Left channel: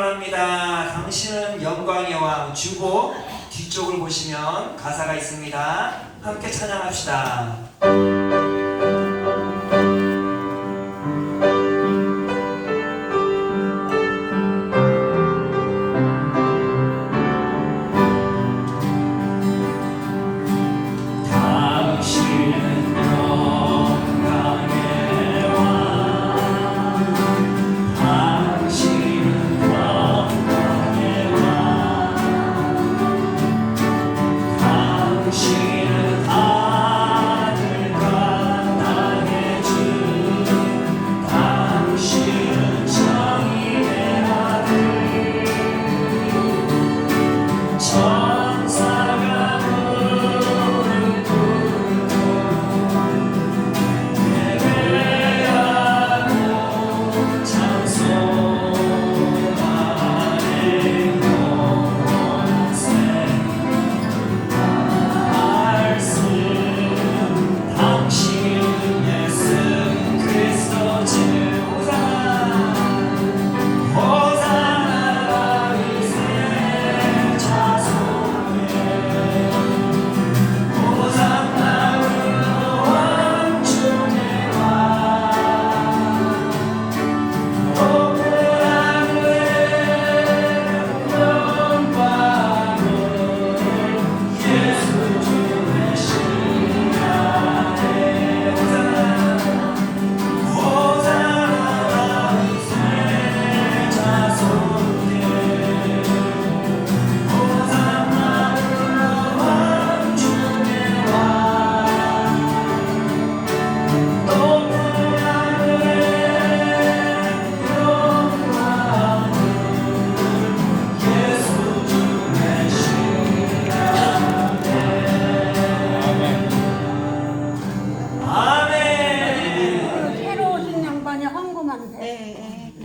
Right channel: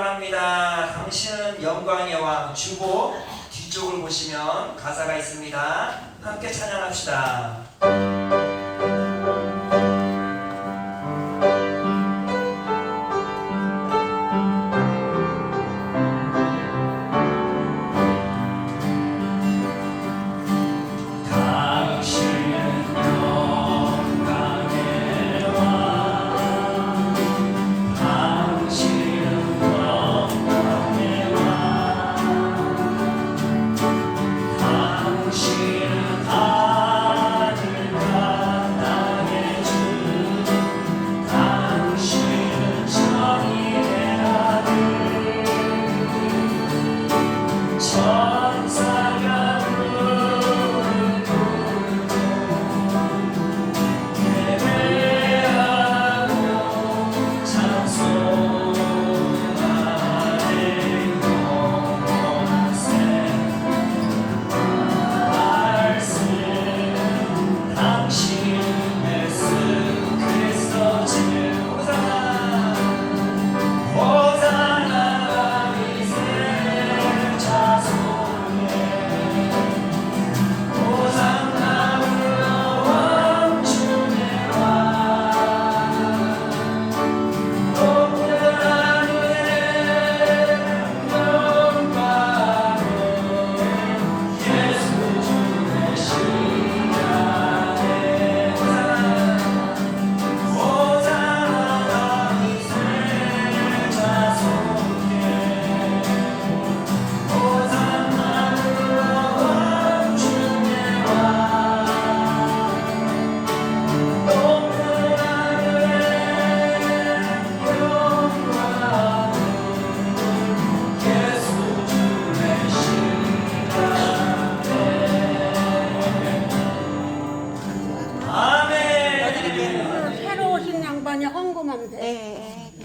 원합니다. 당신은 영광의 왕. 주보 뒤쪽을 보시면 가사가 있습니다. 함께 찬양합시다.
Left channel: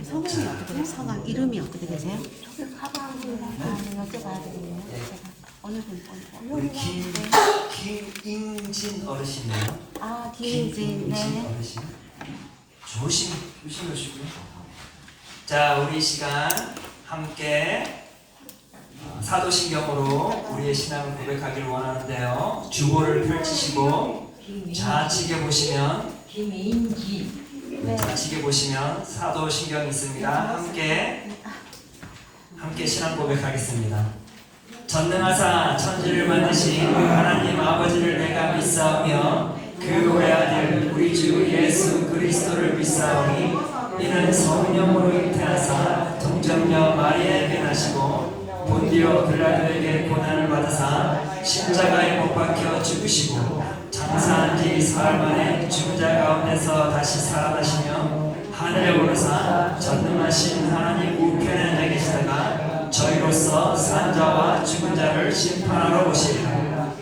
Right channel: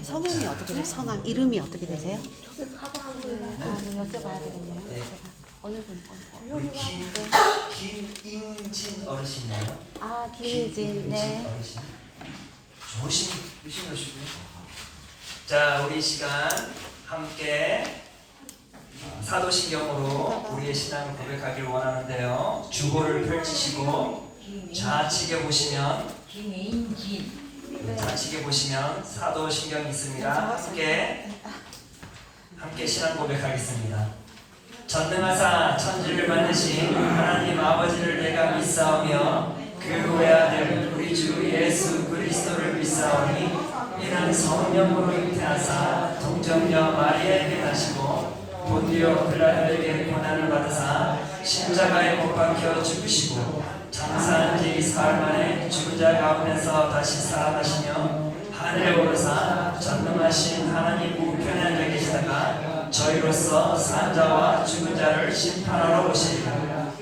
성함이 어떻게 되세요? 성함 이름이 어떻게 되세요? 가방을 여쭤봐야 되겠네요. 어느 분? 우리 김인진 어르신이요. 아, 김인진. 네. 어르신. 조심하시고요. 자, 우리 시간 함께 사도신경으로 우리의 신앙을 고백하기를 원하는데요. 주보를 펼치시고 좌측에 보시면 김인진. 좌측에 보시면 사도신경이 있습니다. 함께 신앙 고백하겠습니다. 전능하사 천지를 만드신 하나님 아버지를 내가 믿사오며 그 외아들 우리 주 예수 그리스도를 믿사오니 이는 성령으로 잉태하사 동정녀 마리아에게 나시고 본디오 빌라도에게 고난을 받으사 십자가에 못 박혀 죽으시고 장사한 지 사흘 만에 죽은 자 가운데서 다시 살아나시며 하늘에 오르사 전능하신 하나님 우편에 앉아 계시다가 저희로서 산 자와 죽은 자를 심판하러 오시리라.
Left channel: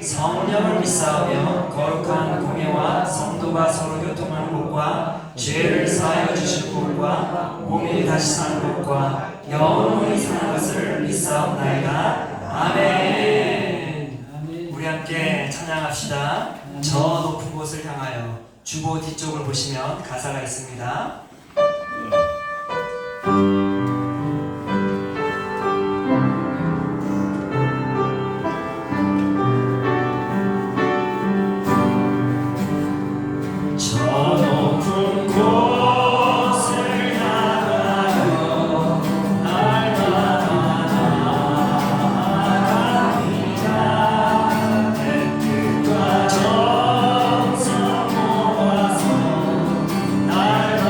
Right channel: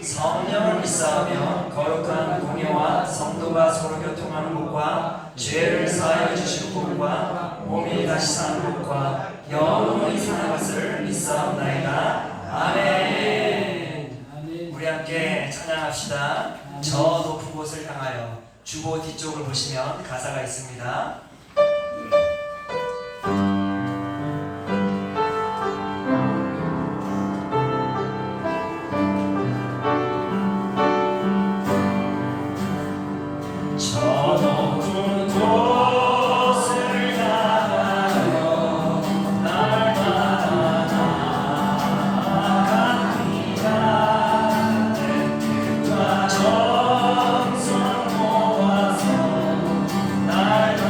성령을 믿사오며 거룩한 공예와 성도가 서로 교통하는 것과 죄를 사하여 주실 것과 몸이 다시 사는 것과 영원히 사는 것을 믿사옵나이다. 아멘. 우리 함께 찬양합시다. 저 높은 곳을 향하여. 주보 뒤쪽을 보시면 가사가 있습니다. 정성 모아서 날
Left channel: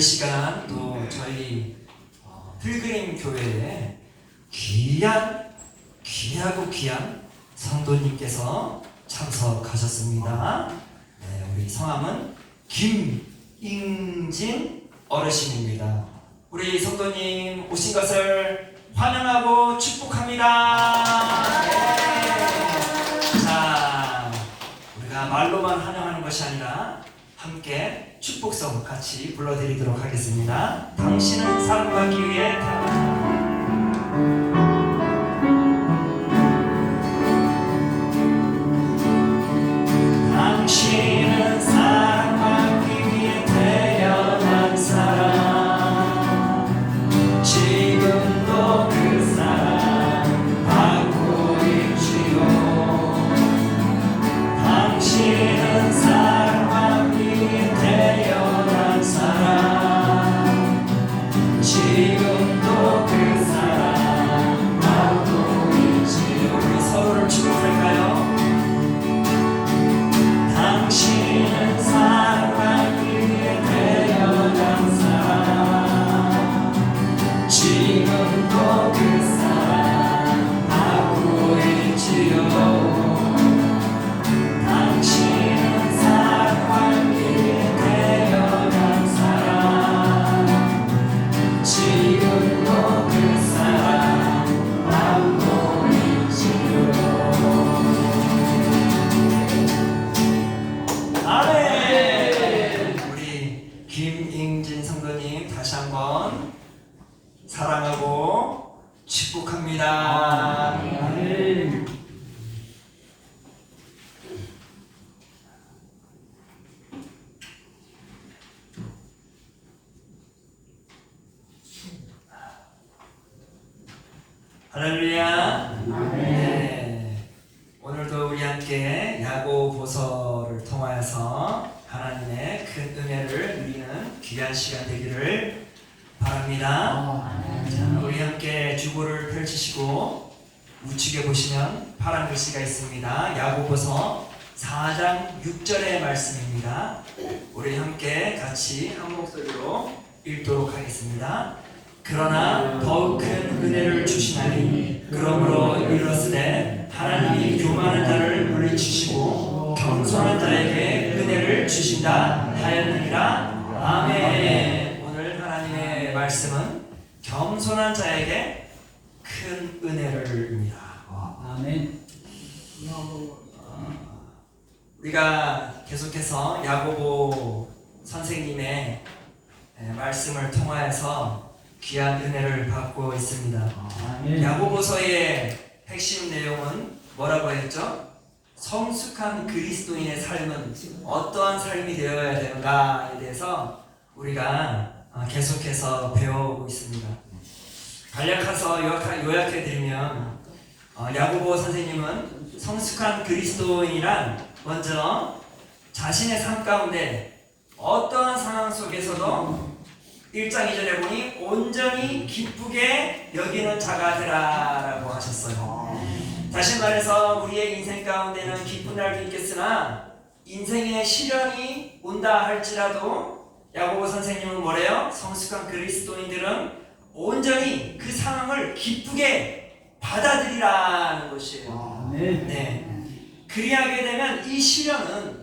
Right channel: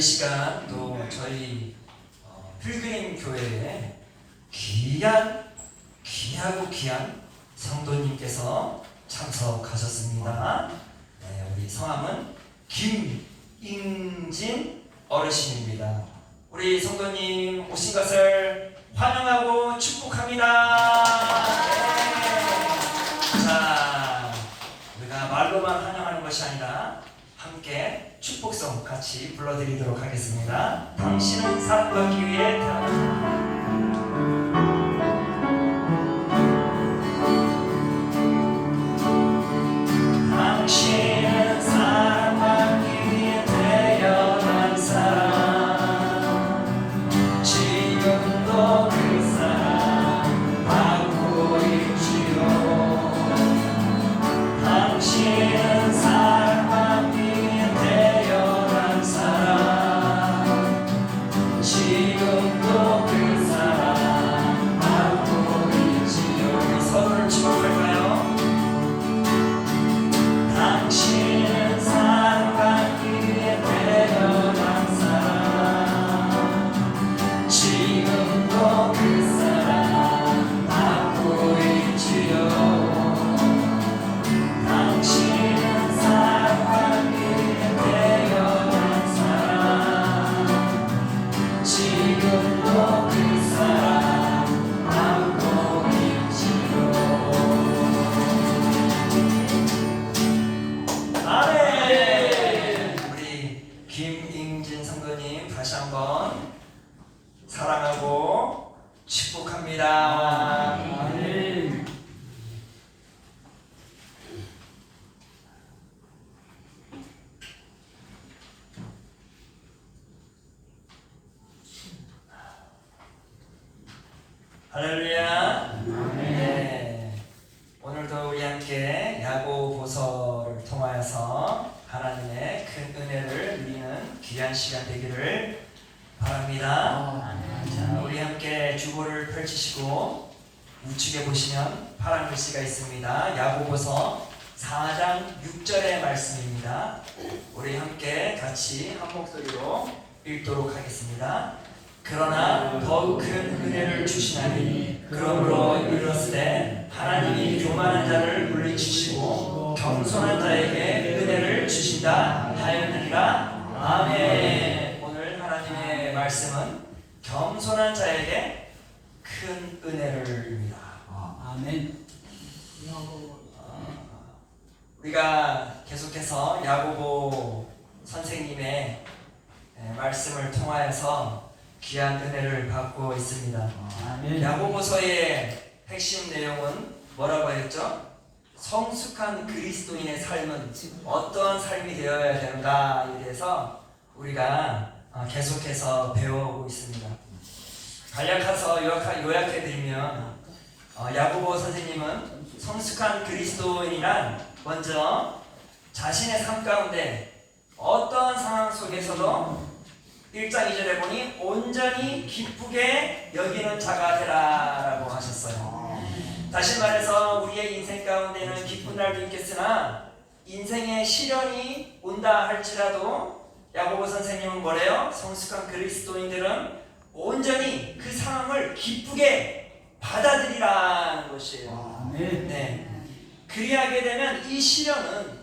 오늘 시간 또 저희 필그림 교회에 귀하고 귀한 성도님께서 참석하셨습니다. 네, 우리 성함은 김잉진 어르신입니다. 우리 성도님 오신 것을 환영하고 축복합니다. 네. 자, 우리가 말로만 환영하는 것이 아니라 함께 축복성 같이 불러드리도록 하겠습니다. 당신은 사랑받기 위해 태어났다. 당신은 사랑받기 위해 태어난 사람, 지금도 그 사랑 받고 있지요. 당신은 사랑받기 위해 태어난 사람, 지금도 그 사랑 받고 있지요. 우리 서로를 축복할까요? 당신은 사랑받기 위해 태어난 사람, 지금도 그 사랑 받고 있지요. 당신은 사랑받기 위해 태어난 사람, 지금도 그 사랑 받고 있지요. 아멘. 우리 김잉진 성도님 다시 한번 사랑하고 축복합니다. 아멘. 할렐루야. 네. 오늘도 우리 함께 야고보서를 통하여서 하나님의 큰 은혜를 누리는 귀한 시간 되기를 바랍니다. 자, 우리 함께 주보를 펼치시고 우측에 보시면 파란 글씨가 있습니다. 야고보서 4장 6절의 말씀입니다. 우리 함께 같이 한 목소리로 읽도록 하겠습니다. 그러나 더욱 큰 은혜를 주시나니 그러므로 이르렀으되 하나님이 교만한 자를 물리치시고 겸손한 자에게 은혜를 주신다 하였느니라. 아멘. 오늘 하나님의 말씀은 겸손한 자에게 큰 은혜를입니다. 아멘. 우리가 계속해서 야고보 선생님의 말씀을 통하여서 귀한 은혜를 받고 있습니다. 아멘. 야고보서의 핵심 내용은 뭐라고 했죠? 성숙한 그리스도인의 삶은 어떠한 삶이 되어야 되는가에 대해서 우리가 계속해서 배워오고 있습니다. 간략해서 요약해드리면 야고보 선생님은 성숙한 그리스도인이란 먼저 자신의 삶 가운데 어떠한 상황 속에서도 1장 2절에 보니 온전히 기쁘게 여기는 자가 되라라고 하셨어요. 다시 말해서 우리의 인생 가운데는 기쁜 날도 있겠으나 인생의 시련이 온다 할지라도 야고보 선생님은 뭐래요? 성숙한 그리스도인들은 온전히 그 상황을 기쁘게 받아들이라는 것이에요. 네. 그리하게 되면 이 시련은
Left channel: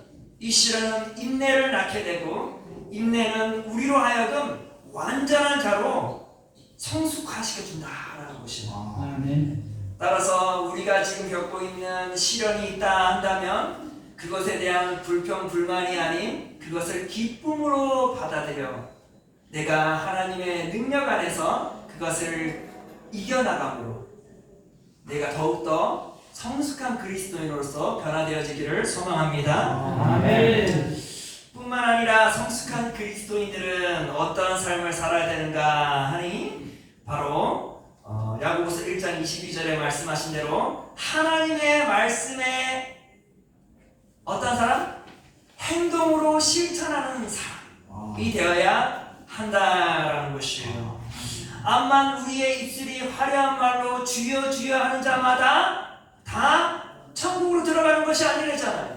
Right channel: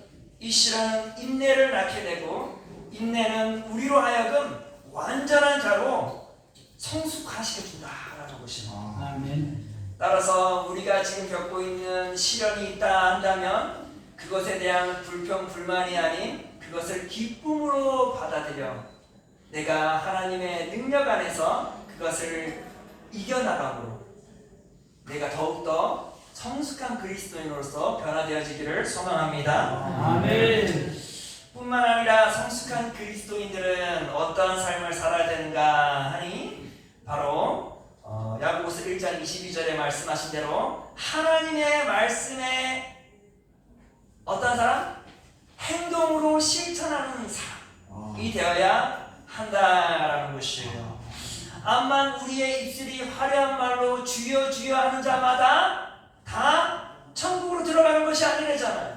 인내를 낳게 되고 인내는 우리로 하여금 완전한 자로 성숙하시게 준다라는 것이에요. 아멘. 따라서 우리가 지금 겪고 있는 시련이 있다 한다면 그것에 대한 불평 불만이 아닌 그것을 기쁨으로 받아들여 내가 하나님의 능력 안에서 그것을 이겨나감으로 내가 더욱더 성숙한 그리스도인으로서 변화되어지기를 소망합니다. 아멘. 뿐만 아니라 성숙한 그리스도인들은 어떠한 삶을 살아야 되는가 하니 바로 야고보서 1장 22절에 말씀하신 대로 하나님의 말씀에 어떤 사람? 행동으로 실천하는 사람이 되어야 한다라는 것이에요. 암만 우리의 입술이 화려한 말로 주여 주여 하는 자마다 다 천국으로 들어가는 것이 아니래잖아요.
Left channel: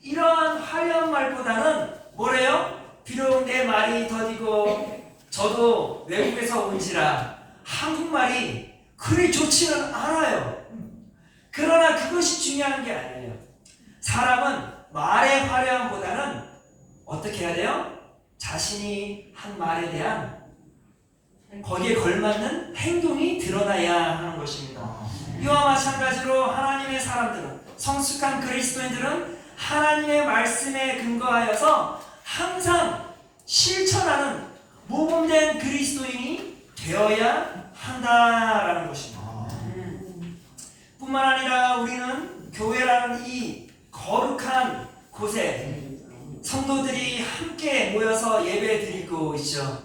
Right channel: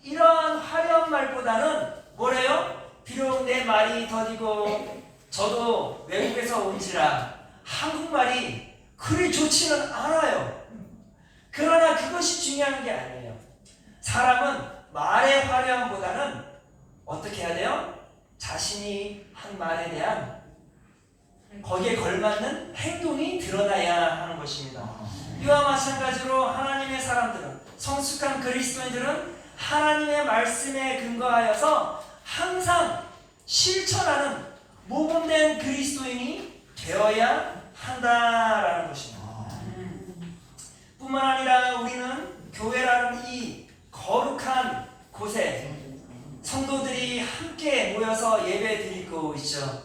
이러한 화려한 말보다는 뭐래요? 비록 내 말이 더디고 저도 외국에서 온지라 한국말이 그리 좋지는 않아요. 그러나 그것이 중요한 게 아니에요. 사람은 말의 화려함보다는 어떻게 해야 돼요? 자신이 한 말에 대한 거기에 걸맞는 행동이 드러나야 하는 것입니다. 이와 마찬가지로 하나님의 사람들은, 성숙한 그리스도인들은 하나님의 말씀에 근거하여서 항상 실천하는 모범된 그리스도인이 되어야 한다라는 것입니다. 뿐만 아니라 우리는 교회라는 이 거룩한 곳에 성도들이 함께 모여서 예배 드리고 있죠.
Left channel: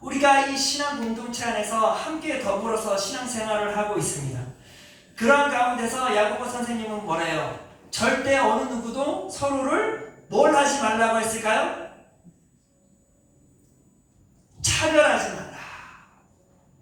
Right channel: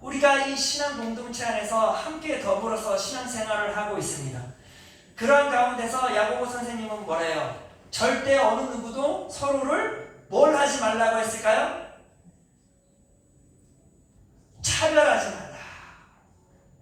우리가 이 신앙 공동체 안에서 함께 더불어서 신앙생활을 하고 있습니다. 그러한 가운데서 야고보 선생님은 뭐래요? 절대 어느 누구도 서로를 뭘 하지 말라고 했을까요? 차별하지 말라.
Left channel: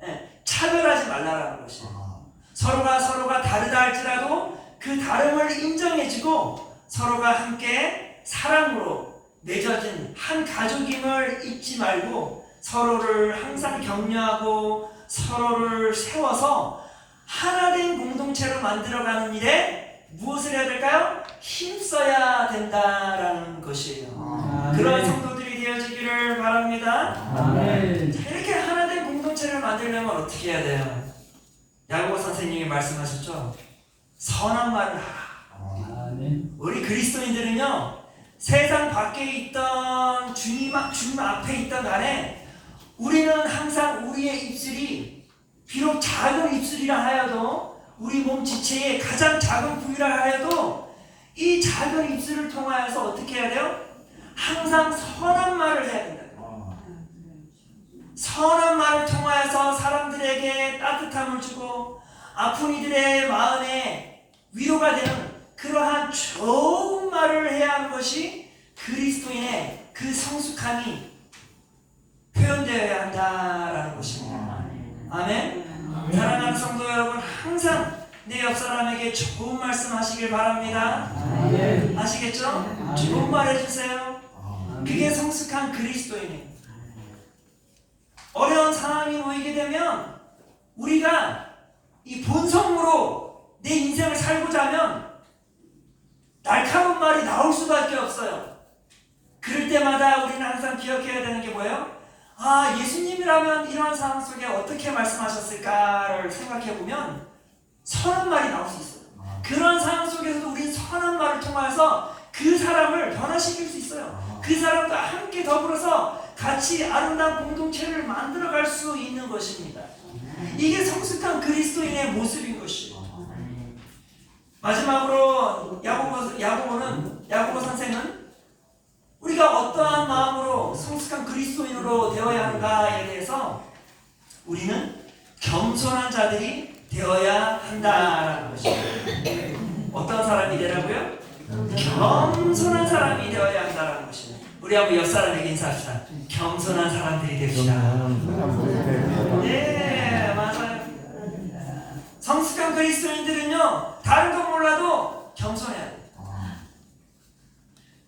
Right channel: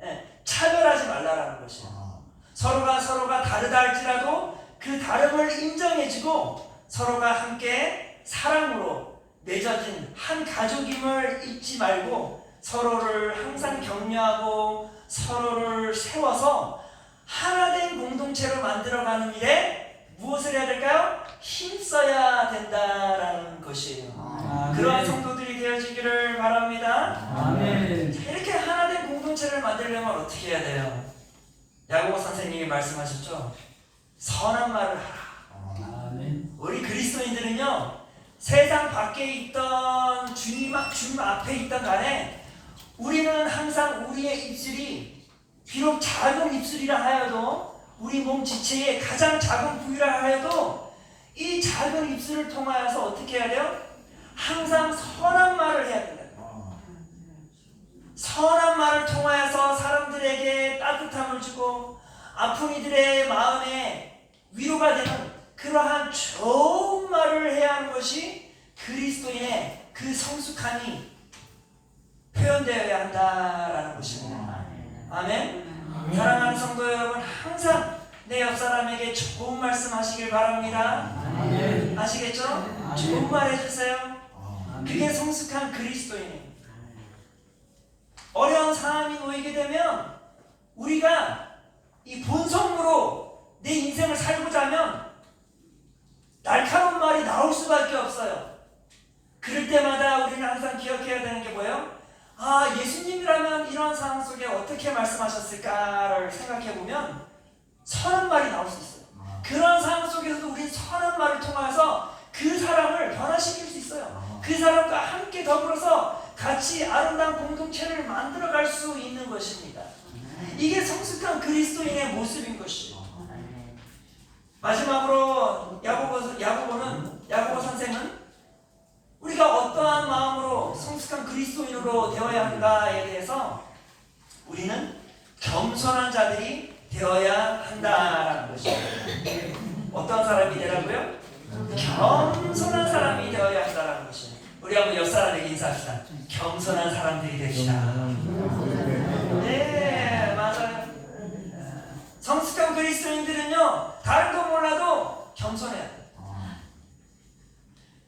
네, 차별하지 말라라는 것이에요. 서로가 다르다 할지라도 그 다름을 인정해주고 서로가 함께 사랑으로 맺어진 한 가족임을 잊지 말고 서로를 항상 격려하고 서로를 세워서 하나된 공동체로 만들어가는 일에 무엇을 해야 될까요? 힘써야 된다라는 것이에요. 그러한 성도들이 되어지기를 바랍니다. 자, 이렇게 하나된 공동체를 만들려면 어떻게 해야 돼요? 야고보 선생님이 말씀하셨죠. 선한 말을 하라. 우리 그리스도인들은요, 세상 밖에 있던 주님 앞에 있던 간에 우리는 항상 우리의 입술이 비록 작은 입술이라 하여도 우리 몸 지체의 가장 작은 부위라 하여도 이 작은 입술을 통하여서 어떻게 해야 돼요? 항상 선한 말을 해야 된다. 선한 말을 통하여서 사람들에게 따뜻함을 주고 아픈 이들의 마음에 위로가 되는 그러한 좋은 말을 해야 하는 것이 그리스도인의 그 성숙함이 표현되어야 한다라는 것입니다. 아멘. 사랑하는 성도 여러분, 항상 내 옆 사람에게 좋은 말씀 하시길 바랍니다. 아시겠죠? 좋은 말 해주세요. 그게 성숙한 그리스도인이에요. 어려운 상황이 놓이게 되면 우리가 이 본성으로 내 인생을 살고자 하면 날카로운 말이 나올 수밖에 없어요. 그럴 때마다 우리는 항상 기억해야 되는 게 뭐예요? 아, 예수님이라면 이런 상황 속에 어떻게 말씀하셨을까를 생각해보면 선한 말이 나올 수 있어요. 그런 상황 속에서도 우리는 선한 말을 통해서 그 사람을 변화시킬 수 있어요. 그 사람과 함께 더불어서 같이 아름다운 공동체를 만들어갈 수 있는 것입니다. 이게 성숙한 그리스도인의 모습인 것이에요. 마지막으로 야고보 선생은 우리가 어떠한 마음으로 성숙한 그리스도인으로 되어야 하는가에 대해서 우리는 겸손한 자들이 되어야 한다라는 것입니다. 어떤 사람이 되라고요? 겸손한 사람이 되어야 한다라는 것입니다. 우리 한번 옆 사람에게 인사합시다. 겸손한 사람들이 됩시다. 네, 맞아요. 성숙한 그리스도인들은요, 다른 거 몰라도 겸손해야 돼요.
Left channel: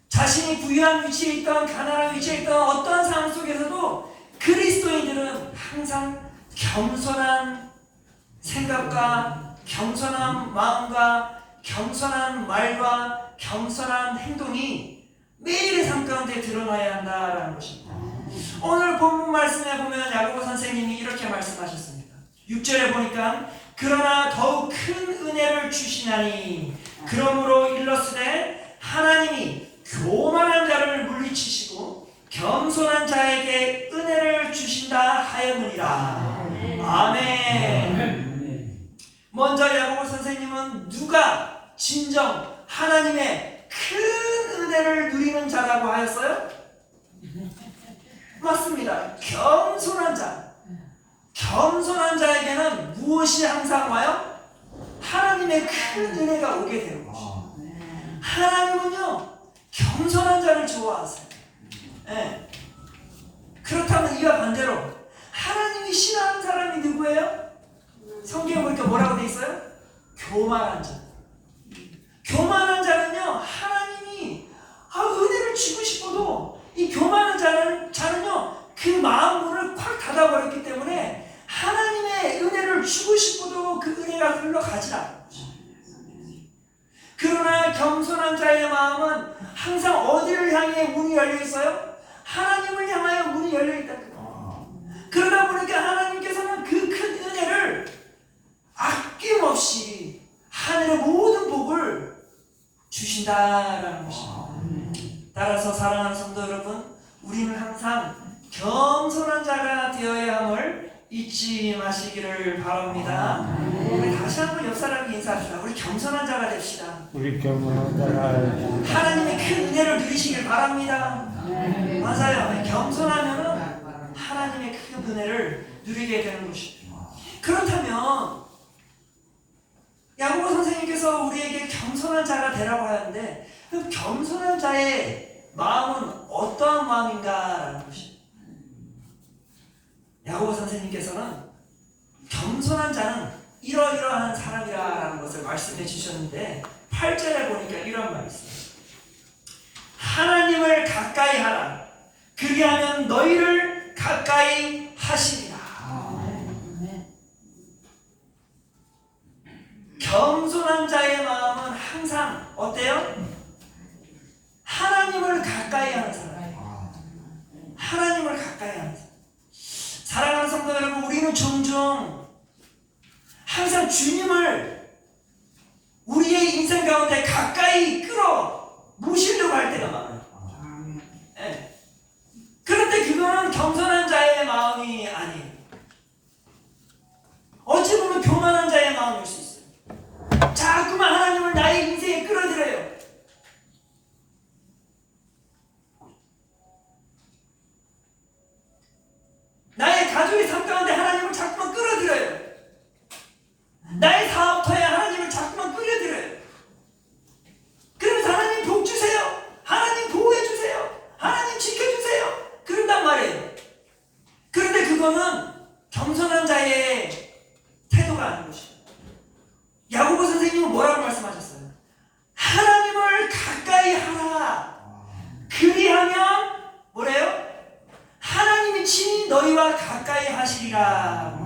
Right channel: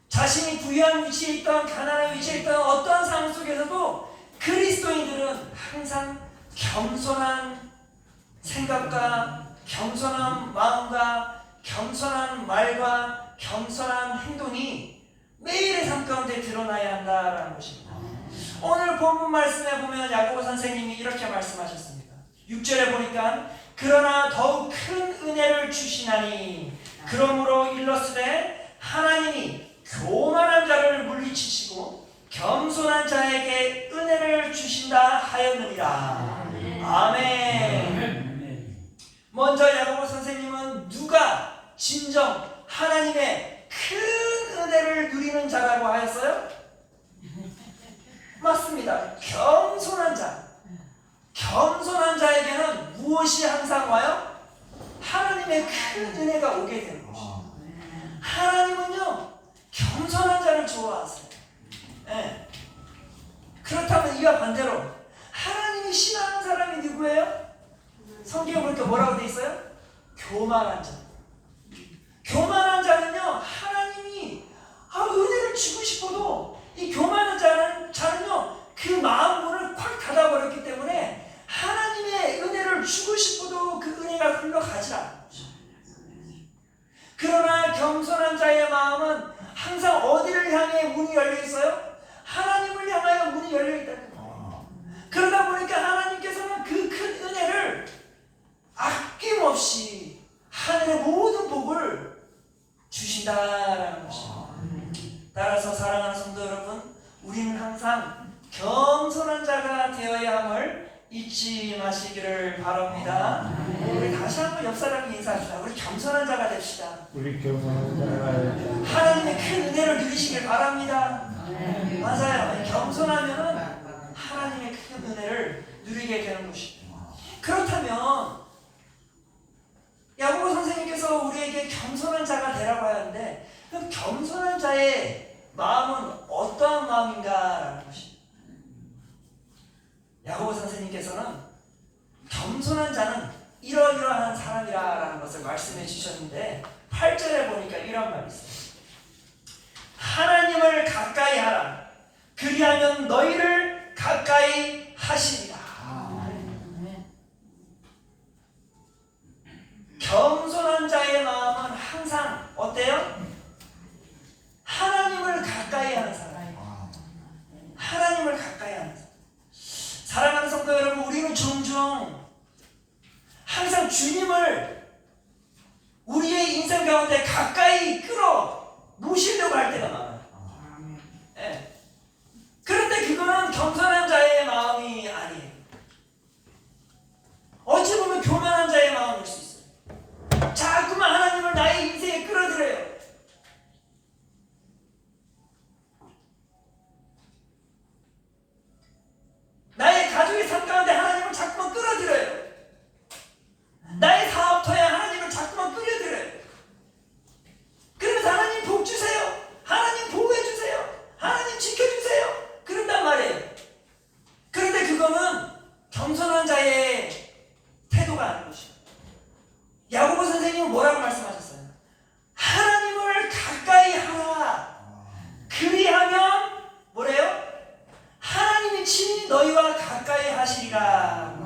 자신이 부유한 위치에 있던 가난한 위치에 있던 어떠한 상황 속에서도 그리스도인들은 항상 겸손한 생각과 겸손한 마음과 겸손한 말과 겸손한 행동이 매일의 삶 가운데 드러나야 한다라는 것입니다. 오늘 본문 말씀에 보면 야고보 선생님이 이렇게 말씀하셨습니다. 6절에 보니까 그러나 더욱 큰 은혜를 주시나니 그러므로 일렀으되 하나님이 교만한 자를 물리치시고 겸손한 자에게 은혜를 주신다 하였느니라. 아멘. 먼저 야고보 선생님은 누가 진정 하나님의 큰 은혜를 누리는 자라고 하였어요? 맞습니다. 겸손한 자. 겸손한 자에게는 무엇이 항상 와요? 하나님의 큰 은혜가 오게 되는 것입니다. 하나님은요, 겸손한 자를 좋아하세요. 네. 그렇다면 이와 반대로 하나님이 싫어하는 사람이 누구예요? 성경에 보니까 뭐라고 돼 있어요? 교만한 자. 교만한 자는요, 하나님이 은혜를 주고 싶어도 이 교만한 자는 항상 어디를 향해 문이 열려 있어요? 하나님을 향하여 문이 열려 있다. 그러다 보니까 하나님께서는 그 큰 은혜를 아낌없이 하늘의 모든 복을 주신다라는 것입니다. 따라서 사랑하는 성도 여러분, 우리는 항상 겸손한 자가 되어야 함을 잊지 마시기를 바랍니다. 우리 다시 한번 옆 사람에게 인사합시다. 우리 겸손한 자가 됩시다. 우리 겸손한 자가 하나님의 큰 은혜를 누리시길 바랍니다. 맞아요. 겸손하면은 하나님의 큰 은혜를 누리게 되는 것입니다. 그렇다면 야고보 선생님께서 우리에게 겸손한 자가 되라고 하는데, 그럼 겸손한 자의 마음은 어떠한 마음인가라는 것입니다. 야고보 선생님께서는 겸손한 자는 이러이러한 사람이라는 것을 말씀해 주셨는데, 8절에 보니까 이런 말이 있어요. 하나님을 가까이 하라. 그리하면 너희를 가까이 하시리라. 겸손한 자의 마음은 항상 어때요? 하나님을 가까이 하는 사람. 하나님을 가까이 하는 사람. 사랑하는 성도 여러분, 우리는 종종 항상 주님을 우리의 인생 가운데 가까이 끌어 모시려고 할 때가 많아요. 네. 그런데 그거는 겸손한 자의 마음이 아니에요. 어찌 보면 교만한 자의 마음일 수 있어요. 자꾸만 하나님을 나의 인생에 끌어들여요. 나의 가족의 삶 가운데 하나님을 자꾸만 끌어들여요. 나의 사업터에 하나님을 자꾸만 끌어들여요. 그러면서 하나님 복 주세요. 하나님 보호해 주세요. 하나님 지켜주세요. 그런단 말이에요. 그런데 그거는 겸손한 자의 태도가 아닌 것입니다. 야고보 선생님은 뭐라고 말씀하셨어요? 하나님을 가까이 하라. 그리하면 뭐래요? 하나님이 친히 너희와 가까이 하시리라.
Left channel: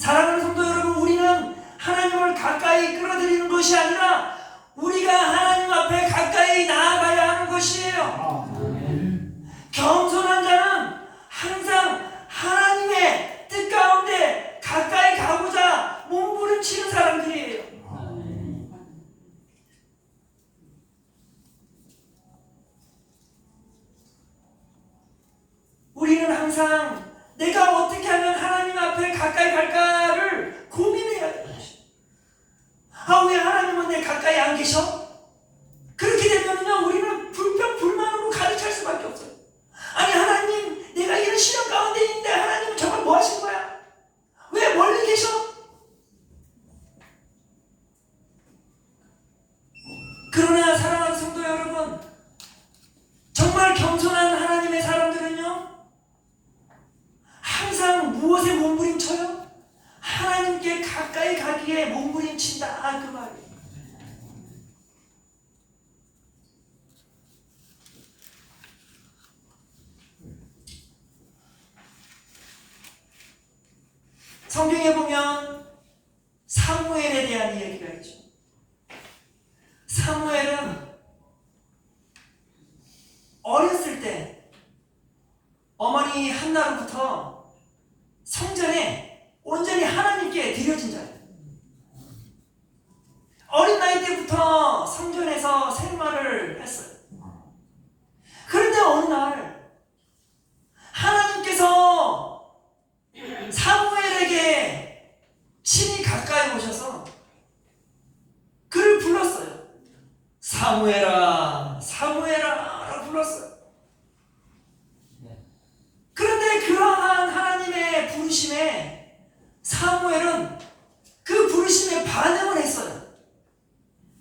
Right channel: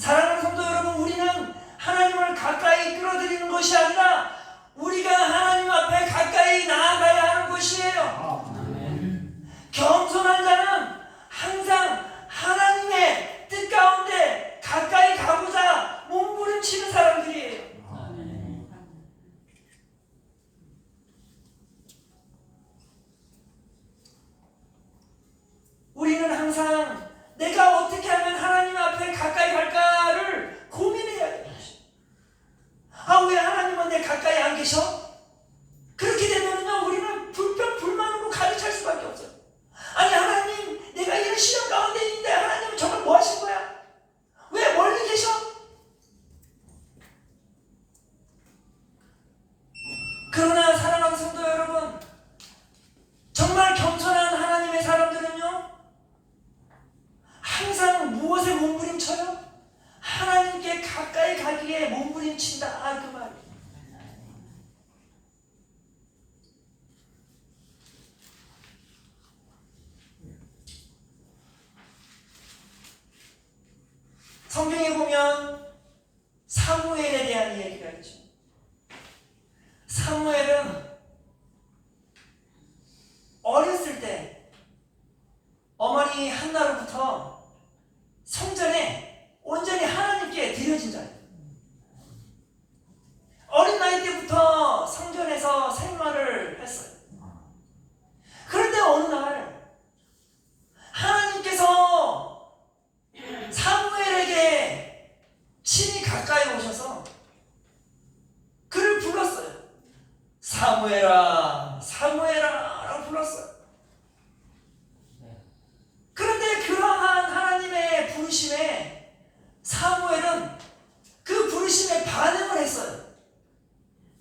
사랑하는 성도 여러분, 우리는 하나님을 가까이 끌어들이는 것이 아니라 우리가 하나님 앞에 가까이 나아가야 하는 것이에요. 겸손한 자는 항상 하나님의 뜻 가운데 가까이 가고자 몸부림치는 사람들이에요. 우리는 항상 내가 어떻게 하면 하나님 앞에 가까이 갈까를 고민해야 돼요. 왜 하나님은 내 가까이 안 계셔? 그렇게 되면요, 우리는 불평불만으로 가득 찰 수밖에 없어요. 아니, 하나님, 내가 이런 시련 가운데 있는데 하나님은 정말 뭐 하신 거야? 왜 멀리 계셔? 그러나 사랑하는 성도 여러분, 정말 겸손한 하나님의 사람들은요, 항상 무엇에 몸부림쳐요? 하나님께 가까이 가기에 몸부림친다. 그 말이에요. 성경에 보면 사무엘에 대한 이야기가 있죠. 사무엘은 어렸을 때 어머니 한나로부터 성전에 온전히 하나님께 드려진 자예요. 어린 나이 때부터 성전에서 생활을 했어요. 그런데 어느 날 하나님께서 사무엘에게 친히 가까이 오셔서 그를 불렀어요. 사무엘아, 사무엘아 라고 불렀어요. 그런데 그러한 하나님의 부르심에 사무엘은 그 부르심에 반응을 했어요.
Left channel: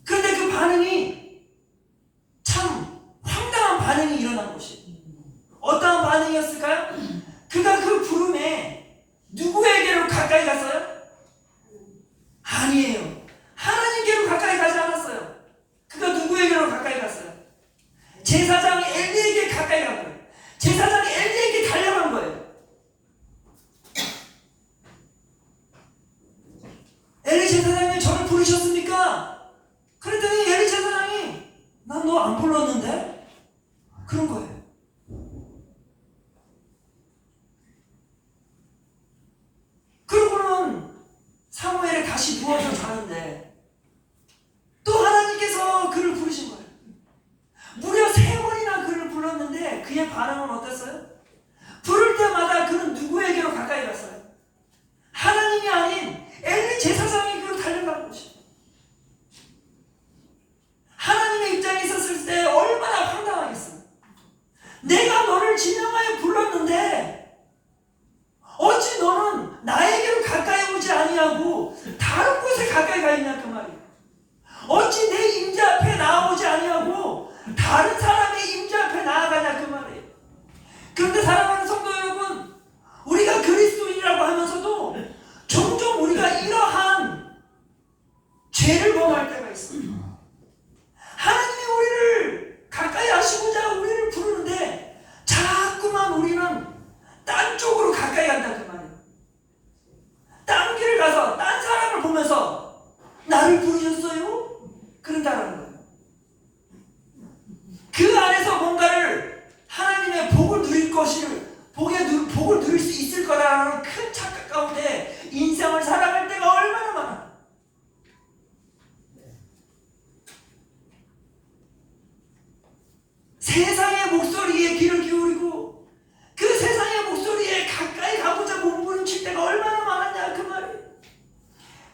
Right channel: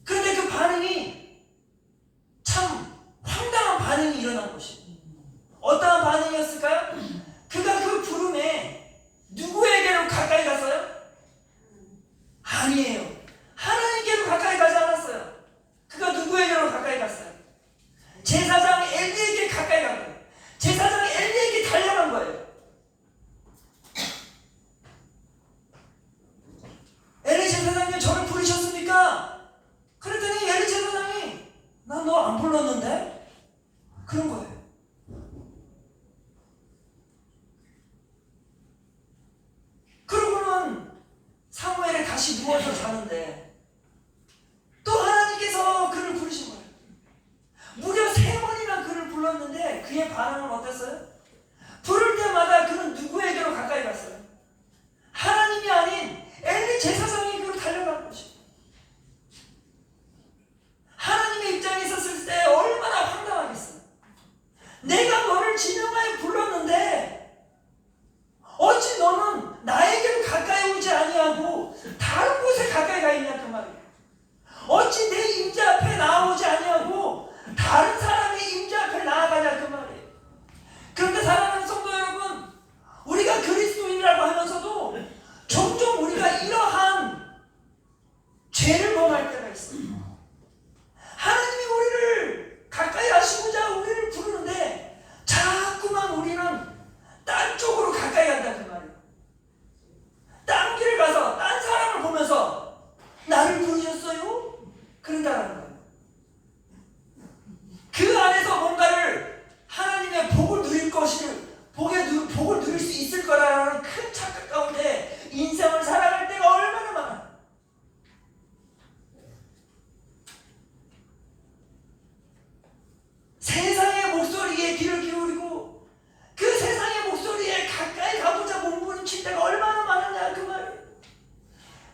그런데 그 반응이 참 황당한 반응이 일어난 것이에요. 어떠한 반응이었을까요? 그가 그 부름에 누구에게로 가까이 갔어요? 아니에요. 하나님께로 가까이 가지 않았어요. 그가 누구에게로 가까이 갔어요? 제사장 엘리에게 가까이 간 거예요. 제사장이 엘리에게 달려간 거예요. 엘리 제사장님, 저를 부르셨습니까? 그랬더니 엘리 제사장이 안 불렀는데? 그런 거예요. 그러고는 사무엘이 다시 누워서 자는데 또 하나님께서 그를 부르신 거예요. 무려 3번이나 그를 불렀는데 그의 반응은 어땠어요? 부를 때마다 그는 누구에게로 가까이 갔어요? 하나님이 아닌 엘리 제사장에게로 달려간 것이에요. 하나님의 입장에 있었을 때 얼마나 황당하겠어요. 내가 너를 진영하여 불렀는데 어찌 너는 나에게로 가까이 오지 아니하고 다른 곳에 가까이 가 있냐 그 말이에요. 어찌 내 임재 앞에 나아오지 아니하고 다른 사람의 임재 앞에 나아가냐 그 말이에요. 그런데 사랑하는 성도 여러분, 우리가 그리스도인이라고 하면서도 종종 우리가 이러한 죄를 범할 때가 있어요. 하나님이 우리를 가까이 하시고자 우리를 부르는데 자꾸만 우리는 딴 쪽으로 가까이 간다 그 말이에요. 딴 길을 가서 딴 사람을 보면서 나를 부르셨어요? 그런다라는 거예요. 그 안에서 뭔가를 하나님의 복을 누릴 것을 복을 누릴 수 있을 거라는 큰 착각 가운데 인생을 살아갈 때가 얼마나 많아. 세상의 목소리에 귀를 기울이고 그 세상의 목소리에 가까이 가보자 몸부림칠 때가 얼마나 많았냐 그 말이에요.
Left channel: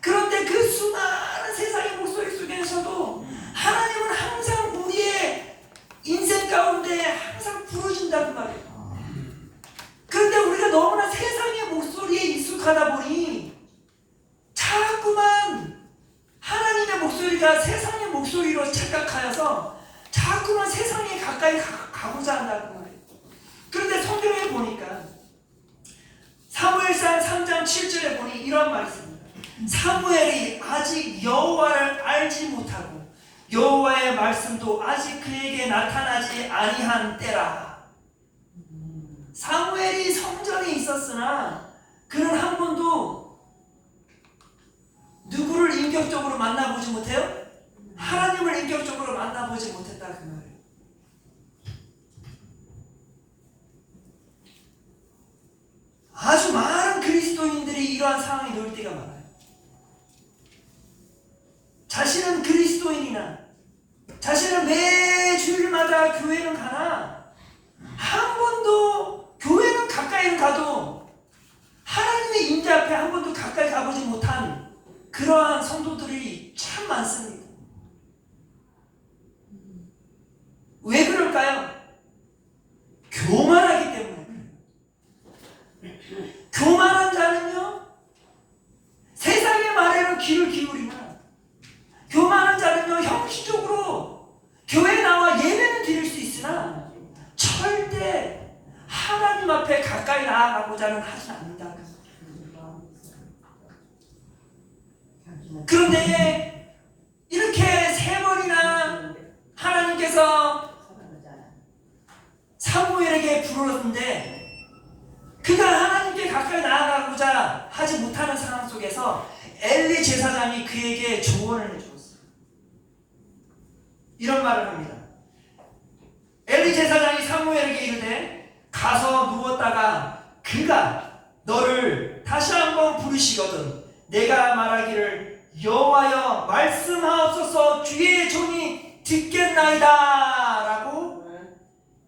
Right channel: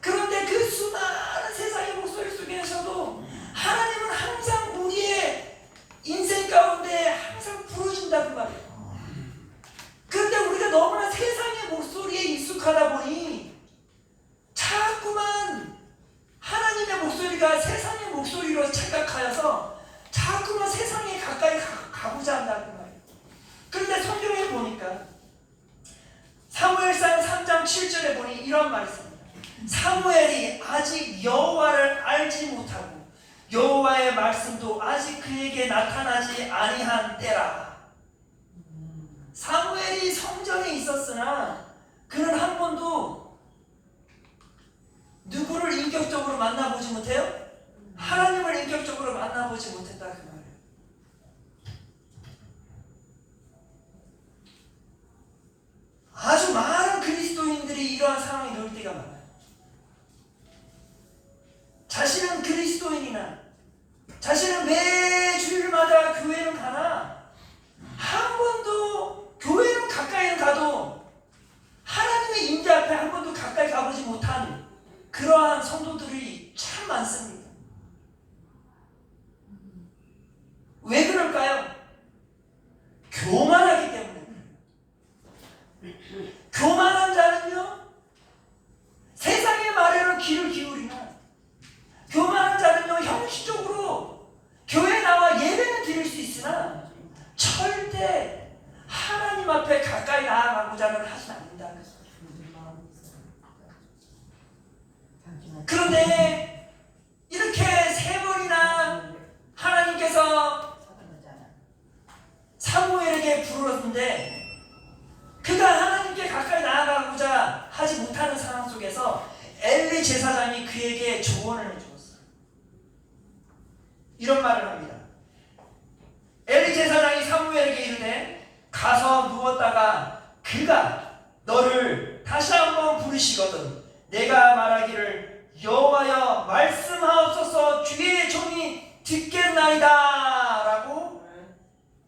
그런데 그 수많은 세상의 목소리 속에서도 하나님은 항상 우리의 인생 가운데 항상 부르신다 그 말이에요. 그런데 우리가 너무나 세상의 목소리에 익숙하다 보니 자꾸만 하나님의 목소리가 세상의 목소리로 착각하여서 자꾸만 세상에 가까이 가고자 한다 그 말이에요. 그런데 성경에 보니까 사무엘상 3장 7절에 보니 이런 말이 있습니다. 사무엘이 아직 여호와를 알지 못하고 여호와의 말씀도 아직 그에게 나타나지 아니한 때라. 사무엘이 성전에 있었으나 그는 한 번도 누구를 인격적으로 만나보지 못해요? 하나님을 인격적으로 만나보지 못했다 그 말이에요. 아주 많은 그리스도인들이 이러한 상황이 놓일 때가 많아요. 자신은 그리스도인이나 자신은 매 주일마다 교회는 가나 한 번도 교회는 가까이는 가도 하나님의 임재 앞에 한 번도 가까이 가보지 못한 그러한 성도들이 참 많습니다. 왜 그럴까요? 교만하기 때문에. 교만한 자는요 세상의 말에는 귀를 기울이나 교만한 자는요 형식적으로 교회에 나와 예배는 드릴 수 있으나 절대 하나님 앞에 가까이 나아가고자는 하지 않는다. 그런데 이렇게 3번이나 하나님께서 사무엘에게 부르렀는데 그가 하나님께 가까이 나아가고자 하지 못하는 상황 속에서 엘리 제사장이 그에게 조언을 해주었어요. 이런 말을 합니다. 엘리 제사장이 사무엘에게 이르되 가서 누웠다가 그가 너를 다시 한번 부르시거든 내가 말하기를 여호와여 말씀하옵소서 주의 종이 듣겠나이다 라고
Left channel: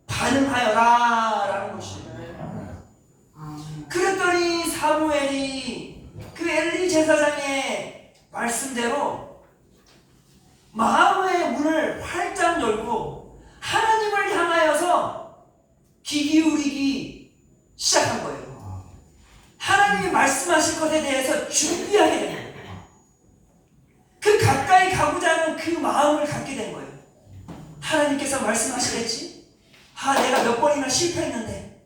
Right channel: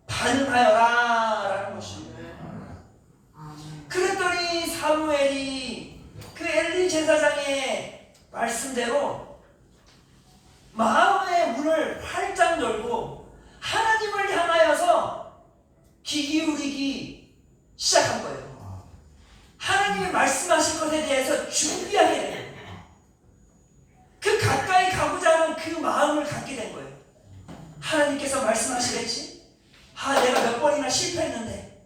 반응하여라 라는 것입니다. 그랬더니 사무엘이 그 엘리 제사장의 말씀대로 마음의 문을 활짝 열고 하나님을 향하여서 귀 기울이기 시작한 거예요. 하나님이 말씀하실 것에 대해서 준비하게 된 거예요. 그 가까이 가고자 하는 그 마음을 갖게 된 거예요. 하나님께서 말씀하시겠지? 내가 몇 번이나 실패했는데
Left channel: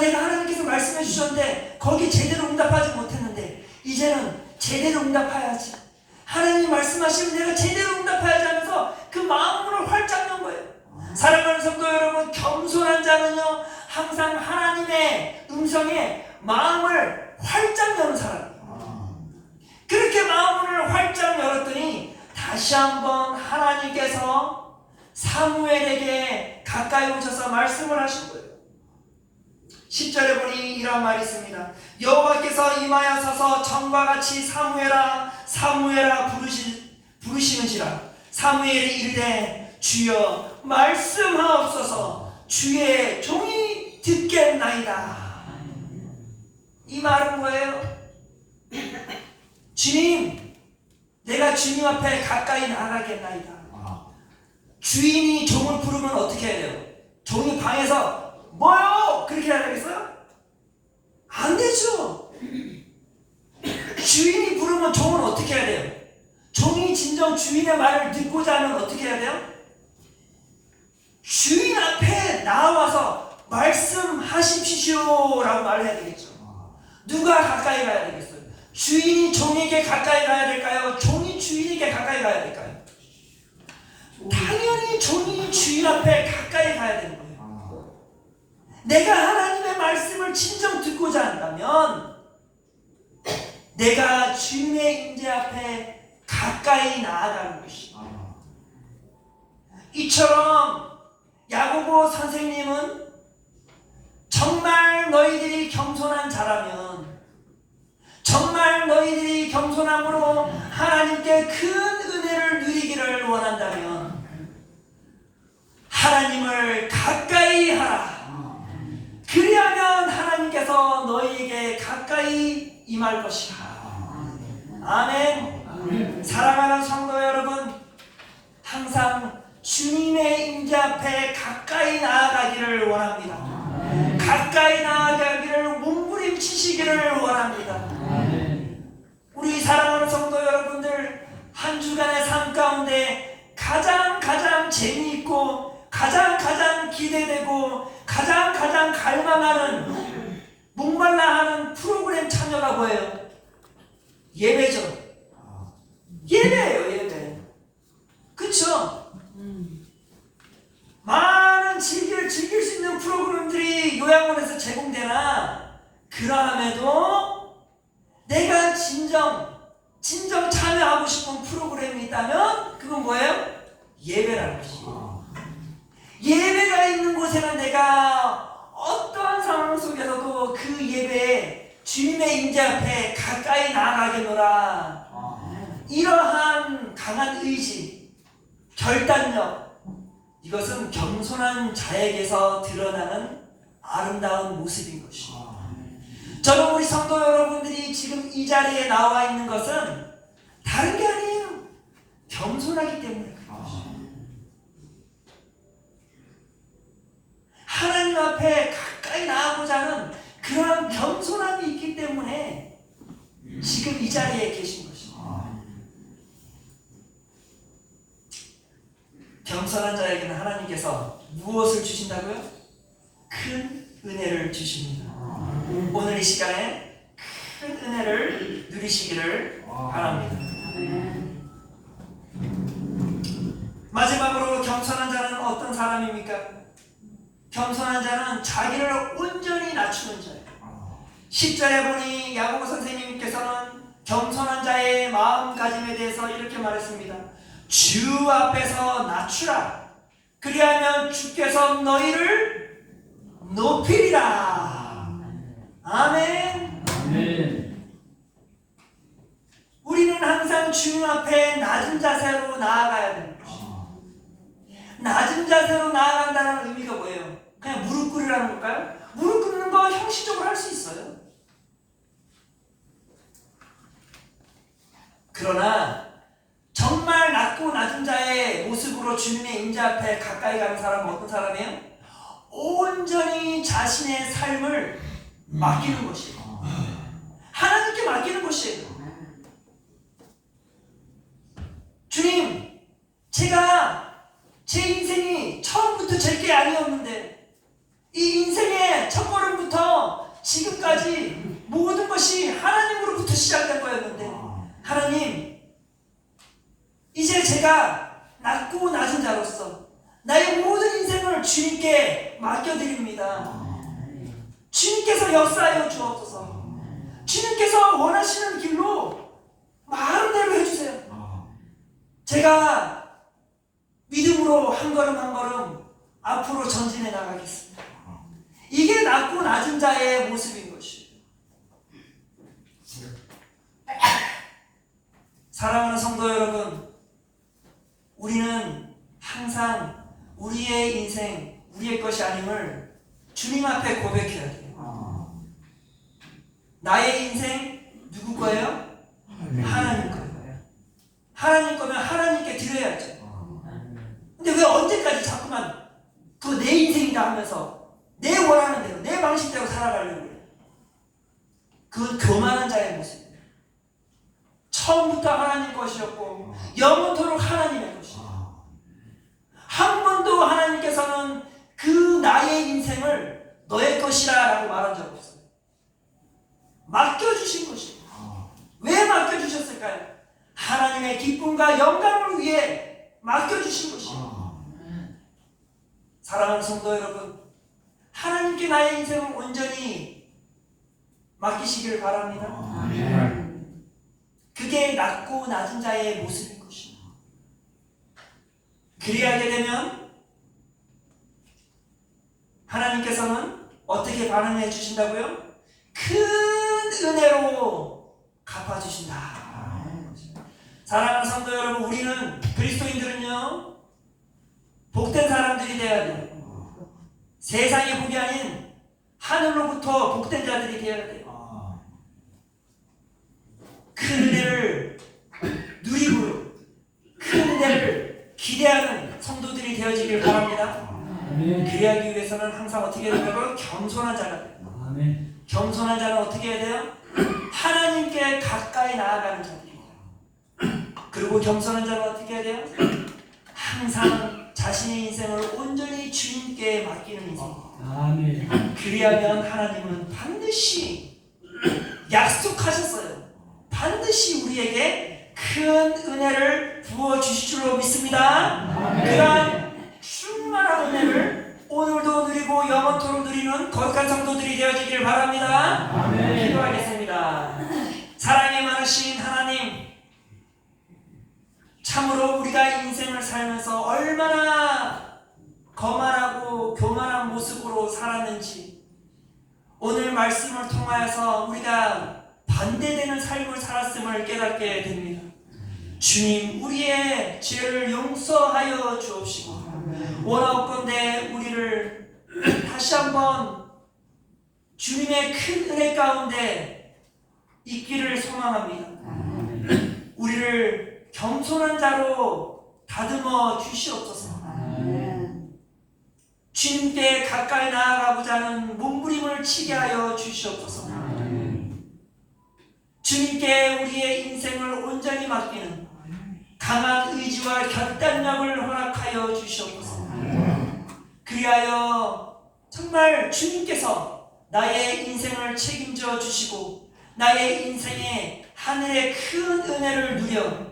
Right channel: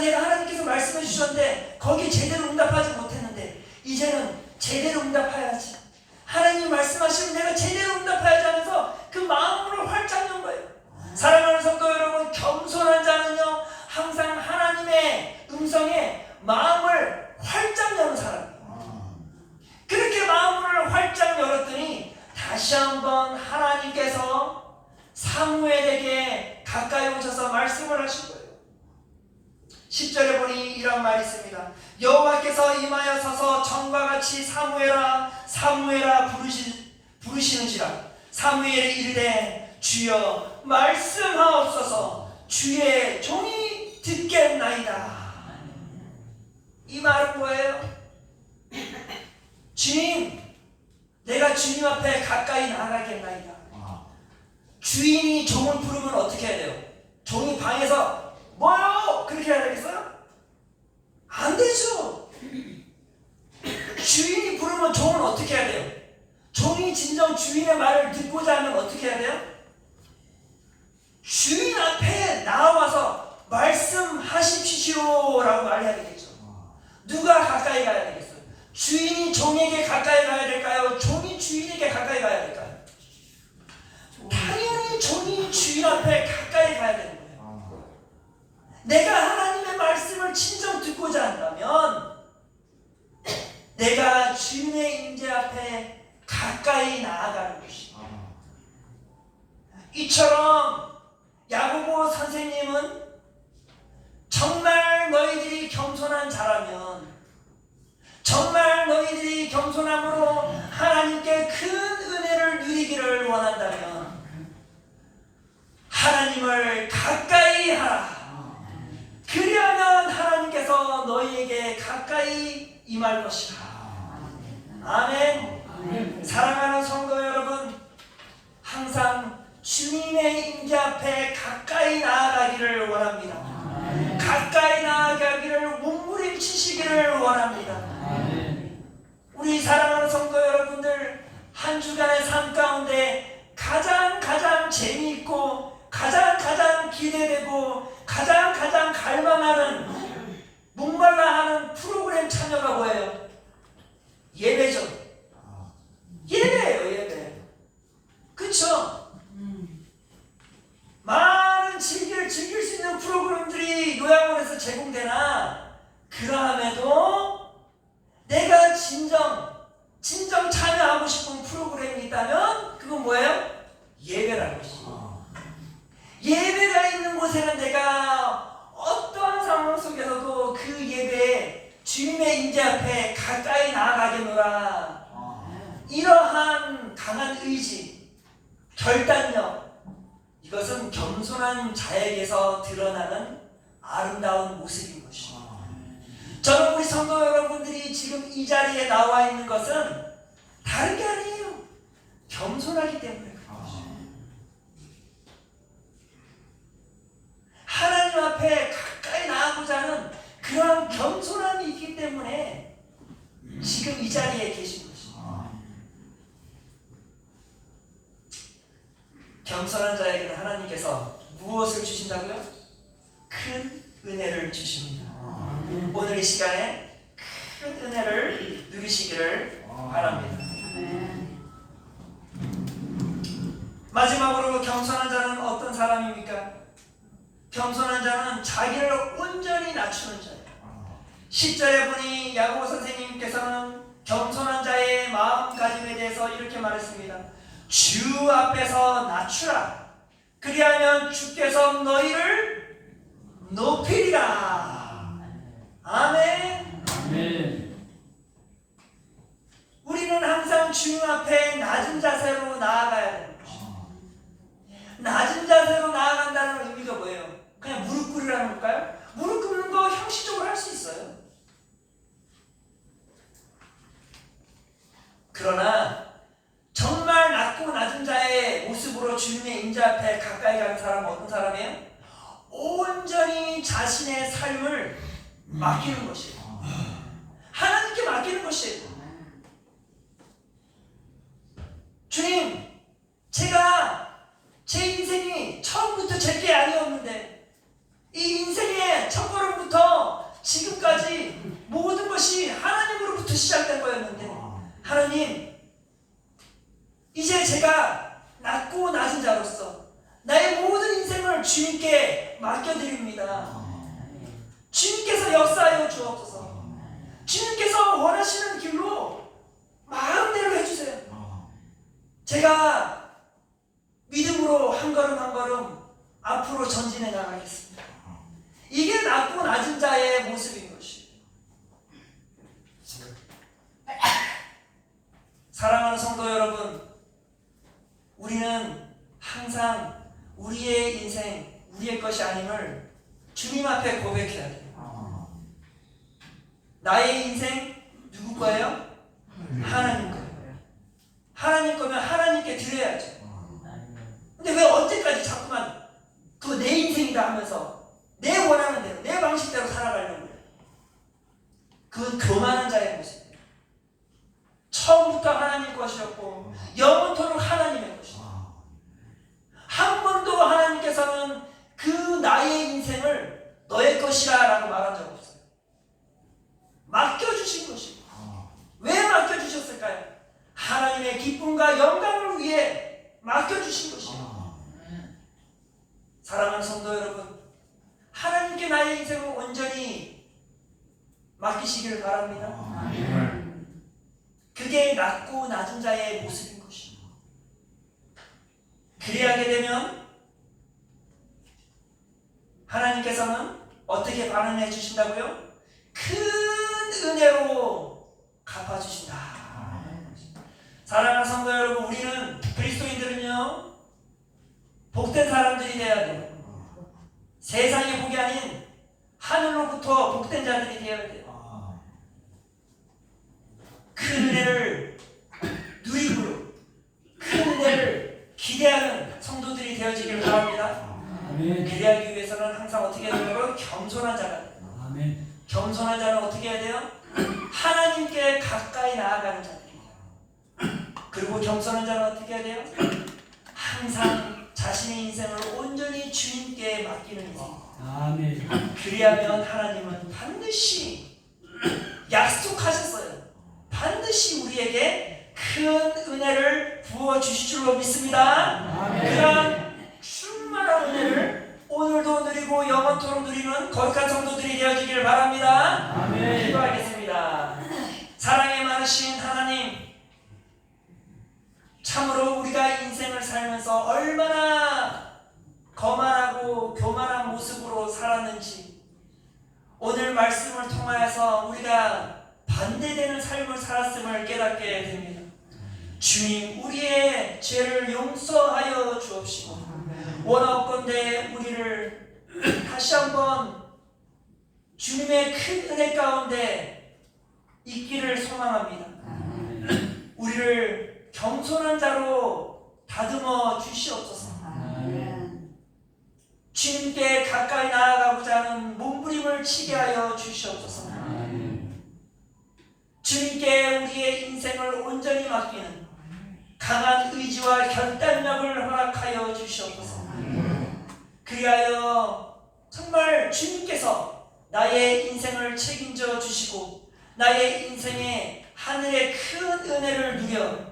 내가 하나님께서 말씀해 주셨는데 거기 제대로 응답하지 못했는데 이제는 제대로 응답해야지. 하나님 말씀하시면 내가 제대로 응답해야지 하면서 그 마음을 활짝 연 거예요. 사랑하는 성도 여러분, 겸손한 자는요 항상 하나님의 음성에 마음을 활짝 여는 사람이에요. 그렇게 마음을 활짝 열었더니 다시 한번 하나님께서 사무엘에게 가까이 오셔서 말씀을 하신 거예요. 10절에 보니 이런 말이 있습니다. 여호와께서 임하여 서서 전과 같이 사무엘아 사무엘아 부르시는지라. 사무엘이 이르되 주여 말씀하옵소서 주의 종이 듣겠나이다. 이 말은 뭐예요? 주님, 내가 주님 앞에 가까이 나가겠나이다. 주인이 종을 부르면 어떻게 해야 돼요? 종이 방에서 뭐요? 그렇게 해야 되겠어요? 안 되죠. 주인이 부르면 종은 어떻게 해야 돼요? 종이 진정 주인의 말을 듣고자 하면 어떻게 해야 돼요? 주인 앞에 나와서 말씀하십시오 라고 말해야 되겠죠. 누가 가까이 가야 되겠어요? 주인이 종에게 가까이 가야 될까요? 종이 주인에게 가까이 가야 될까요? 당연히 종이 주인 앞에 가까이 가야 되는 거예요. 내가 하나님의 말씀을 진정 듣고자 한다면 내가 주님의 임재 앞에 가까이 나아가는 것이다. 이처럼 야고보 선생님은 정말 너희들이 겸손한 자라면, 정말 너희들이 겸손함으로 하나님께 큰 은혜를 누리기를 원한다면 하나님을 가까이 하라. 그리하면 하나님께서 너희에게 가까이 임할 것이라. 아멘. 사랑하는 성도 여러분, 항상 주님의 임재 앞에 가까이 나아가기를 원합니다. 가까이 나아가기를 몸부림치시기를 원합니다. 우리 사랑하는 성도 여러분들, 한 주간의 삶 가운데 가장 재미있고 가장 기대되고 가장 갈망하는, 목말라하는 프로그램 참여가 뭐예요? 예배죠. 예배예요, 예배. 그쵸? 많은 즐길 수 있는 프로그램들이 요양원에서 제공되나, 그러함에도 내가 진정 참여하고 싶은 프로그램이 있다면 그건 뭐예요? 예배라는 것이죠. 예배가 있는 곳에는 내가 어떠한 상황 속에서도 그 예배에 주님의 임재 앞에 가까이 나아가겠노라. 이러한 강한 의지, 결단력, 이것은 겸손한 자에게서 드러나는 아름다운 모습인 것이죠. 저는 우리 성도 여러분들이 지금 이 자리에 나와 있는 것은 다른 게 아니에요. 겸손하기 때문에 그런 것이죠. 하나님 앞에 가까이 나아가고자 하는 그런 겸손함이 있기 때문에 지금 이 자리에 계신 것입니다. 겸손한 자에게는 하나님께서 무엇을 주신다고요? 큰 은혜를 주십니다. 오늘 이 시간에 큰 은혜를 누리시기를 바랍니다. 마지막으로 겸손한 자는 어떤 사람입니까? 겸손한 자는 자기를 온전히 낮추는 자예요. 10절에 보니 야고보 선생님께서는 겸손한 자의 마음가짐에 대해서 이렇게 말했습니다. 주 앞에서 낮추라. 그리하면 주께서 너희를 높이리라. 아멘. 우리는 항상 주님 앞에 낮은 자세로 나아가야 되는 것입니다. 낮은 자세로 나아간다는 의미가 뭐예요? 그냥 무릎 꿇으라는 걸까요? 무릎 꿇는 거 형식적으로 할 수 있어요. 그러나 정말 낮고 낮은 자의 모습으로 주님의 임재 앞에 가까이 가는 사람은 어떤 사람이에요? 온전히 자신의 삶을 맡기는 것이에요. 하나님께 맡기는 것이에요. 주님, 제가 제 인생이 처음부터 제게 아니었는데 이 인생의 첫걸음부터 지금까지 모든 것이 하나님으로부터 시작된 거였는데, 하나님, 이제 제가 낮고 낮은 자로서 나의 모든 인생을 주님께 맡겨드립니다. 주님께서 역사하여 주옵소서. 주님께서 원하시는 길로 마음대로 해주세요. 제가 믿음으로 믿음으로 한 걸음 한 걸음 앞으로 전진해 나가겠습니다. 이게 낮고 낮은 자의 모습인 것이에요. 사랑하는 성도 여러분, 우리는 항상 우리의 인생, 우리의 것이 아님을 주님 앞에 고백해야 돼요. 나의 인생 누구 거예요? 하나님 거예요. 하나님 거면 하나님께 드려야죠. 근데 왜 언제까지 자꾸만 그 내 인생이다 하면서 내 원하는 대로, 내 방식대로 살아가려고 해요? 그건 교만한 자의 모습이에요. 처음부터 하나님 것이었고 영원토록 하나님의 것이에요. 한 번도 하나님께서는 그 나의 인생을 너의 것이라 라고 말한 적 없어요. 맡겨주신 것이에요. 왜 맡겨주셨을까요? 하나님의 기쁨과 영광을 위해 맡겨주신 것이에요. 사랑하는 성도 여러분, 하나님께 나의 인생을 온전히 맡기시기를 바랍니다. 그게 낮고 낮은 자의 모습인 것이에요. 그리하게 되면 하나님께서는 어떻게 반응해 주신다고요? 큰 은혜로 갚아주신다. 사랑하는 성도 여러분, 우리는 그리스도인들은요 복된 사람들이 되어야 돼요. 세상의 복이 아닌 하늘로부터 복된 자들이 되어야 돼요. 큰 은혜를 누리고 큰 은혜를 기대하는 성도들이 되어지길 바랍니다. 그리하기 위해서는 항상 어떻게 해야 된다고요? 겸손한 자가 돼요. 겸손한 자는 어떻게 해야 돼요? 하나님께 가까이 나아가는 자들이에요. 그리고 겸손한 자는 어떻게 해야 돼요? 항상 자신의 인생을 온전히 주님께 맡기는 인생. 그리하면 하나님은 반드시 약속하셨어요. 반드시 우리에게 큰 은혜를 부어주실 줄로 믿습니다. 그러한 충만한 은혜를 오늘도 누리고 영원토록 누리는 거룩한 성도들이 되어지길 바랍니다. 기도하겠습니다. 사랑에 많으신 하나님, 참으로 우리가 인생을 살면서 얼마나 거만하고 교만한 모습으로 살았는지 오늘 말씀을 통하여서 우리가 반대되는 삶을 살았음을 깨닫게 됩니다. 주님, 우리의 죄를 용서하여 주옵시고 원하옵건대 우리를 다시 한번 주님의 큰 은혜 가운데 있기를 소망합니다. 우리를 겸손한 자로 다듬어 주시옵소서. 주님께 가까이 나아가고자 하는 몸부림을 치게 하여 주시옵소서. 주님께 우리의 인생을 온전히 맡기는 강한 의지와 결단력을 허락하여 주시옵소서. 그리하여 정말 주님께서 나의 인생을 책임져 주시고 나의 인생에 하늘의 큰 은혜를 누려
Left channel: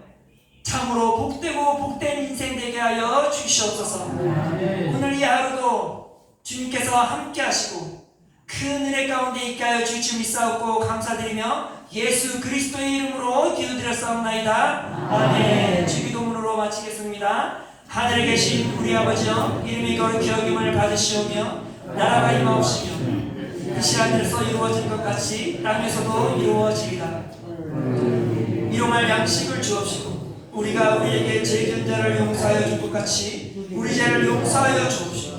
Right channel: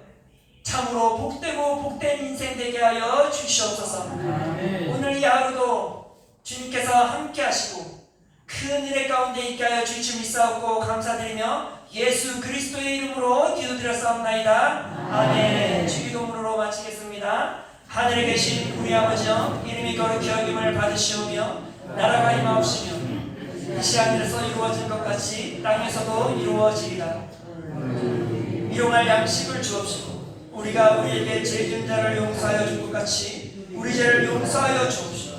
참으로 복되고 복된 인생 되게 하여 주시옵소서. 오늘 이 하루도 주님께서 함께 하시고 큰 은혜 가운데 있게 하여 주시 믿사옵고 감사드리며 예수 그리스도의 이름으로 기도드렸사옵나이다. 아멘. 주기도문으로 마치겠습니다. 하늘에 계신 우리 아버지여, 이름이 거룩히 여김을 받으시오며 나라가 임하옵시며 이시 하늘에서 이루어진 것 같이 땅에서도 이루어지리라. 일용할 양식을 주옵시고 우리가 우리에게 죄 지은 자를 용서하여 줄 것 같이 우리 죄를 용서하여 주옵시고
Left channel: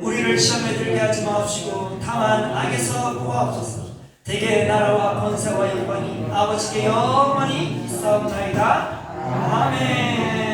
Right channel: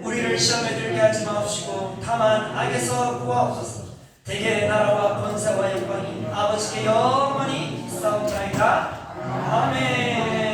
우리를 시험에 들게 하지 마옵시고 다만 악에서 구하옵소서. 대개 나라와 권세와 영광이 아버지께 영원히 있사옵나이다. 아멘.